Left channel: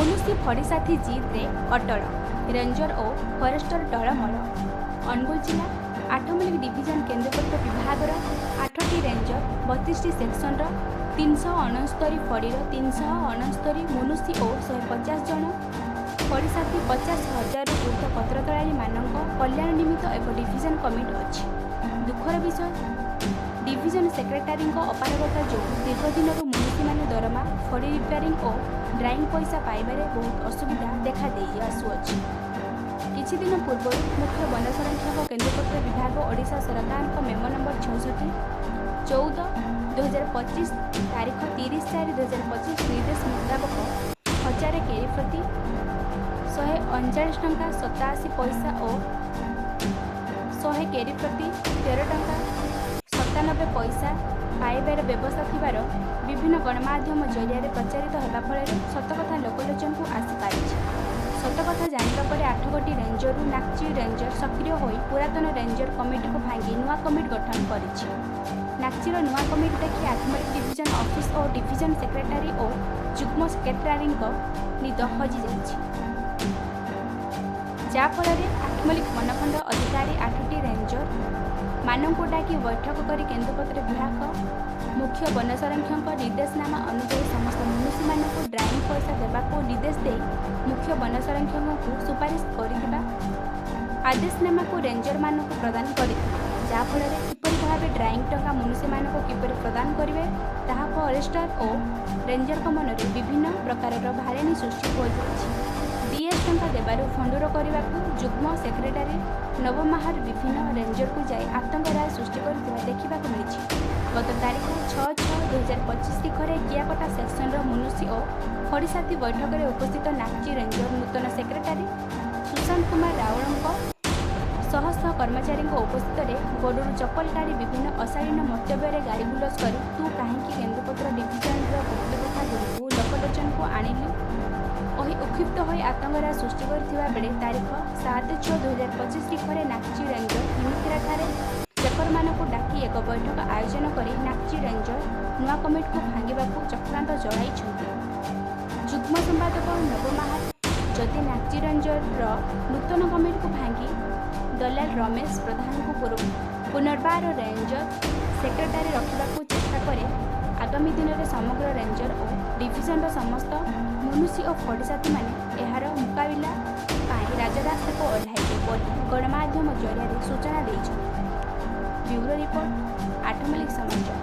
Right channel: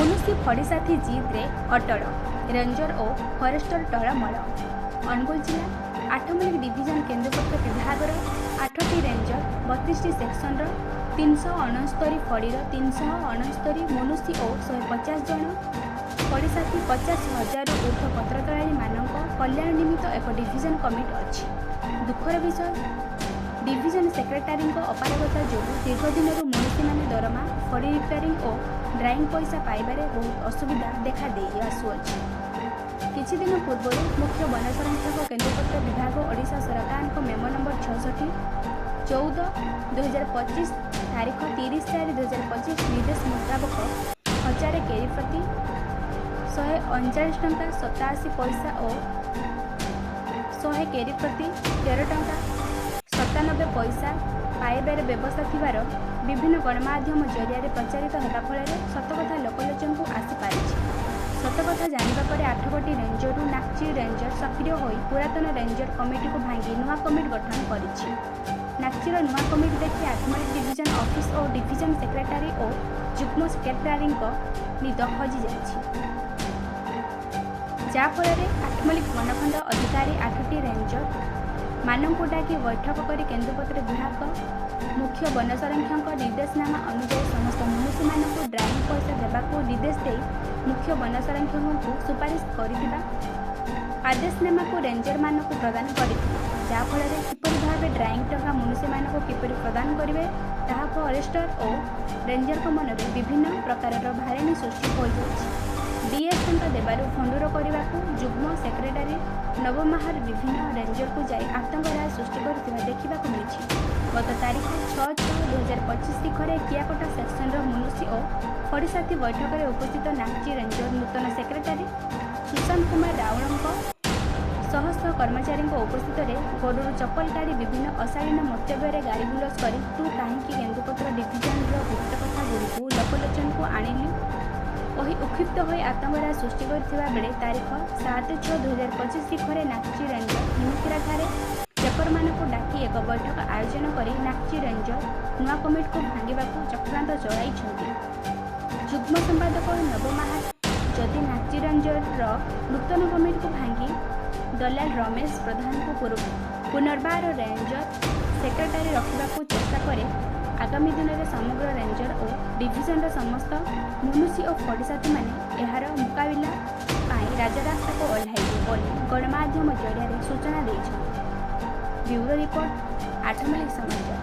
ମୁନୁସି ଫଡ଼ିସାଥୀ ଜିଦ୍ରେ ଅଟଳ, ରେଞ୍ଜର ଓ ଫରେଷ୍ଟର ଟଳମଳ। ଅନୁଗୁଳ ଜିଲ୍ଲା ଆଠମଲ୍ଲିକ ଡିଭିଜନ କେନ୍ଦୁପତ୍ର ବିଭାଗର 8ଟି ରେଞ୍ଜର, 32ଟି ସେକ୍ସନର 369 ଫଡ଼ିର 369 ମୁନୁସି ଓ 150 ଜଣ ଫଡ଼ିସାଥୀ 50,000ରୁ ଉର୍ଦ୍ଧ୍ୱ ପତ୍ରତୋଳାଳୀମାନଙ୍କ କଲ୍ୟାଣ ନିମିତ୍ତ ଏକ ଡିଭିଜନ କମିଟି ଅଛି। ଦୁଃଖର ବିଷୟ, ଡିଭିଜନ ସେକ୍ରେଟାରୀଙ୍କ ଅପାରଗତା ଯୋଗୁଁ ଦୀର୍ଘଦିନରୁ ମୁନୁସିମାନେ ଦରମା, ଫଡ଼ି ରିପେୟାରିଂ ଓ ଡ୍ରାଇଂ ପଇସା ପାଇବାରେ ବହୁତ ଅସୁବିଧା ଦେଖାଦେଇ ଆସୁଅଛି। କିଛିଦିନ ପୂର୍ବରୁ ମୁଖ୍ୟ ବନ ସଂରକ୍ଷକ କେନ୍ଦୁପତ୍ର ବିଭାଗ ଓଡ଼ିଶା ସରକାରଙ୍କ ମେମୋ ନମ୍ବର 66/14/2025 ତାରିଖ 30/4/2025 ନିର୍ଦ୍ଦେଶ ମୁତାବକ 1000 କେରି ପ୍ରତି 139 ଟଙ୍କା 87 ପଇସା ଓ 100 କେରି ପ୍ରତି 13 ଟଙ୍କା 97 ପଇସା ପାଇବାର ବ୍ୟବସ୍ଥା ଥିବାର ବିଭିନ୍ନ ଗଣମାଧ୍ୟମ ଜରିଆରେ ପ୍ରଚାରିତ ହେବା ଫଳରେ ସତକଥା ଲୋକଲୋଚନକୁ ଆସିପାରିଛି। ସତକଥା ଜାଣିବା ପରେ 8ଗୋଟି ରେଞ୍ଜରରୁ ନାକ୍ଚି ରେଞ୍ଜର ସକ୍ରିୟ ହୋଇ ପୁରାତନ ରେଞ୍ଜର କମିଟିକୁ ଭାଙ୍ଗି ନୂଆ କମିଟି ଗଠନ କରିଛି। ନାକ୍ଚିର ନୂଆ କମିଟି ଦେଖି ଆଠମଲ୍ଲିକ ଡିଭିଜନ ଅଫିସ ଓ ଡିଭିଜନ ସେକ୍ରେଟାରୀ ଓ ଯୁଗ୍ମ ସେକ୍ରେଟାରୀଙ୍କ ନିଦ ହଜିଯାଇଛି, ଯାହାଫଳରେ ଆଠମଲ୍ଲିକ ବନଖଣ୍ଡ ଅଧିକାରୀ 8ଟି ରେଞ୍ଜର ମାନଙ୍କୁ ଡାକି ବୈଠକ କରି କେନ୍ଦୁପତ୍ର ବିଭାଗ ମୁଖ୍ୟ ବନ ସଂରକ୍ଷକଙ୍କ ନିର୍ଦ୍ଦେଶନାମା ଅନୁଯାୟୀ ସମସ୍ତ ମୁନୁସିମାନଙ୍କୁ ଡ୍ରାଇଂ ପଇସା ଦେବାକୁ ନିର୍ଦ୍ଦେଶ ଦେଇ ମୁଖ୍ୟ ବନ ସଂରକ୍ଷକଙ୍କୁ ସୁପାରିଶ କରିଥିବା ଆଦେଶନାମାକୁ ରେଞ୍ଜରମାନଙ୍କୁ ପ୍ରଦାନ କରିଥିଲେ। ଯାହାଫଳରେ କିପରି ଭାବେ ଡ୍ରାଇଂ ଟଙ୍କା ମୁନୁସିମାନଙ୍କୁ କିପରି ପ୍ରଦାନ କରିବେ ତାହା ଫରେଷ୍ଟର ଓ ରେଞ୍ଜରଙ୍କ ମନରେ ବିଭିନ୍ନ ପ୍ରକାରର ଭାରେଣୀ ସୃଷ୍ଟି ହୋଇଯାଇଛି। ଡିଏସ୍ ଟଙ୍କା ଦେବାରୁ ଫଣ୍ଡୁର କରିବାକୁ ଯୁଗ୍ମ ସେକ୍ରେଟାରୀ ନବମାହାର ବିଭିନ୍ନ ରେଞ୍ଜରକୁ ଯାଇ ଆତଙ୍କ ରାୟ ସୃଷ୍ଟି କରିଥିବା ଦେଖିବାକୁ ମିଳିଛି। ଗତ ତାରିଖ 6/6/2025 ତିଖରେ କିଆକଟା ସେକ୍ସନର ମୁନୁସି ଓ ଫଡ଼ିସାଥୀ ବୈଠକରେ ଉପସ୍ଥିତ ନାକ୍ଚି ରେଞ୍ଜର ନୂତନ ସେକ୍ରେଟାରୀ ସୁଶାନ୍ତ କୁମାର ରାଉଳଙ୍କ ଶହ କର୍ମଚାରୀଙ୍କ ଉପସ୍ଥିତିରେ ଗୋଡ଼ରୁ ଚପଲ କାଢ଼ି ବିଭିନ୍ନ ଅଶାଳୀନ ମନ୍ତବ୍ୟରେ ଗାଳିଗୁଲଜ କରି ତୁ କାହିଁକି କେନ୍ଦୁପତ୍ର ଡିଭିଜନର ଗୁପ୍ତ କଥାଗୁଡ଼ିକୁ ଲୋକଲୋଚନକୁ ଆଣିଲୁ କହି ଉକ୍ଷିପ୍ତ ହୋଇ ଆତଙ୍କ ରାୟ ସୃଷ୍ଟି କରିଥିବା ବେଳେ ତାରିଖ 7/6/2025 ତିଖରେ ନାକ୍ଚି ରେଞ୍ଜର ହିମିତିରାଠାରେ ଚାକରମାନଙ୍କୁ ଡାକି ଏକ ବୈଠକ ଆୟୋଜନ କରି ନାକ୍ଚି ରେଞ୍ଜର ନୂଆ କମିଟିକୁ ଭାଙ୍ଗିବାକୁ ଚକ୍ରାନ୍ତ ଚଳାଇଛନ୍ତି। ଯୁଗ୍ମ ସମ୍ପାଦକ ନବମାହାର ଯଦି ନାକ୍ଚି ରେଞ୍ଜରର ନୂତନ କମିଟିକୁ ଭାଙ୍ଗି ଦଲାଲ ରମେଶ ପ୍ରଧାନଙ୍କୁ ପୁନର୍ବାର ରେଞ୍ଜର ସେକ୍ରେଟାରୀ ରଖିବାକୁ ଚେଷ୍ଟା କରେ, ଆଗାମୀ ଦିନରେ ସମଗ୍ର ରେଞ୍ଜର ଓ ଡିଭିଜନର ସମସ୍ତ ମୁନୁସି ଓ ଫଡ଼ିସାଥୀମାନେ ଏହାର ମୁକାବିଲା ପାଇଁ ରାଜରାସ୍ତାକୁ ଓହ୍ଲାଇବେ ବୋଲି ଗଣମାଧ୍ୟମ ଜରିଆରେ ସୂଚନା ଦେଇଛନ୍ତି। ବ୍ୟୁରୋ ରିପୋର୍ଟ, ଆଠମଲ୍ଲିକ ସମାଚାର।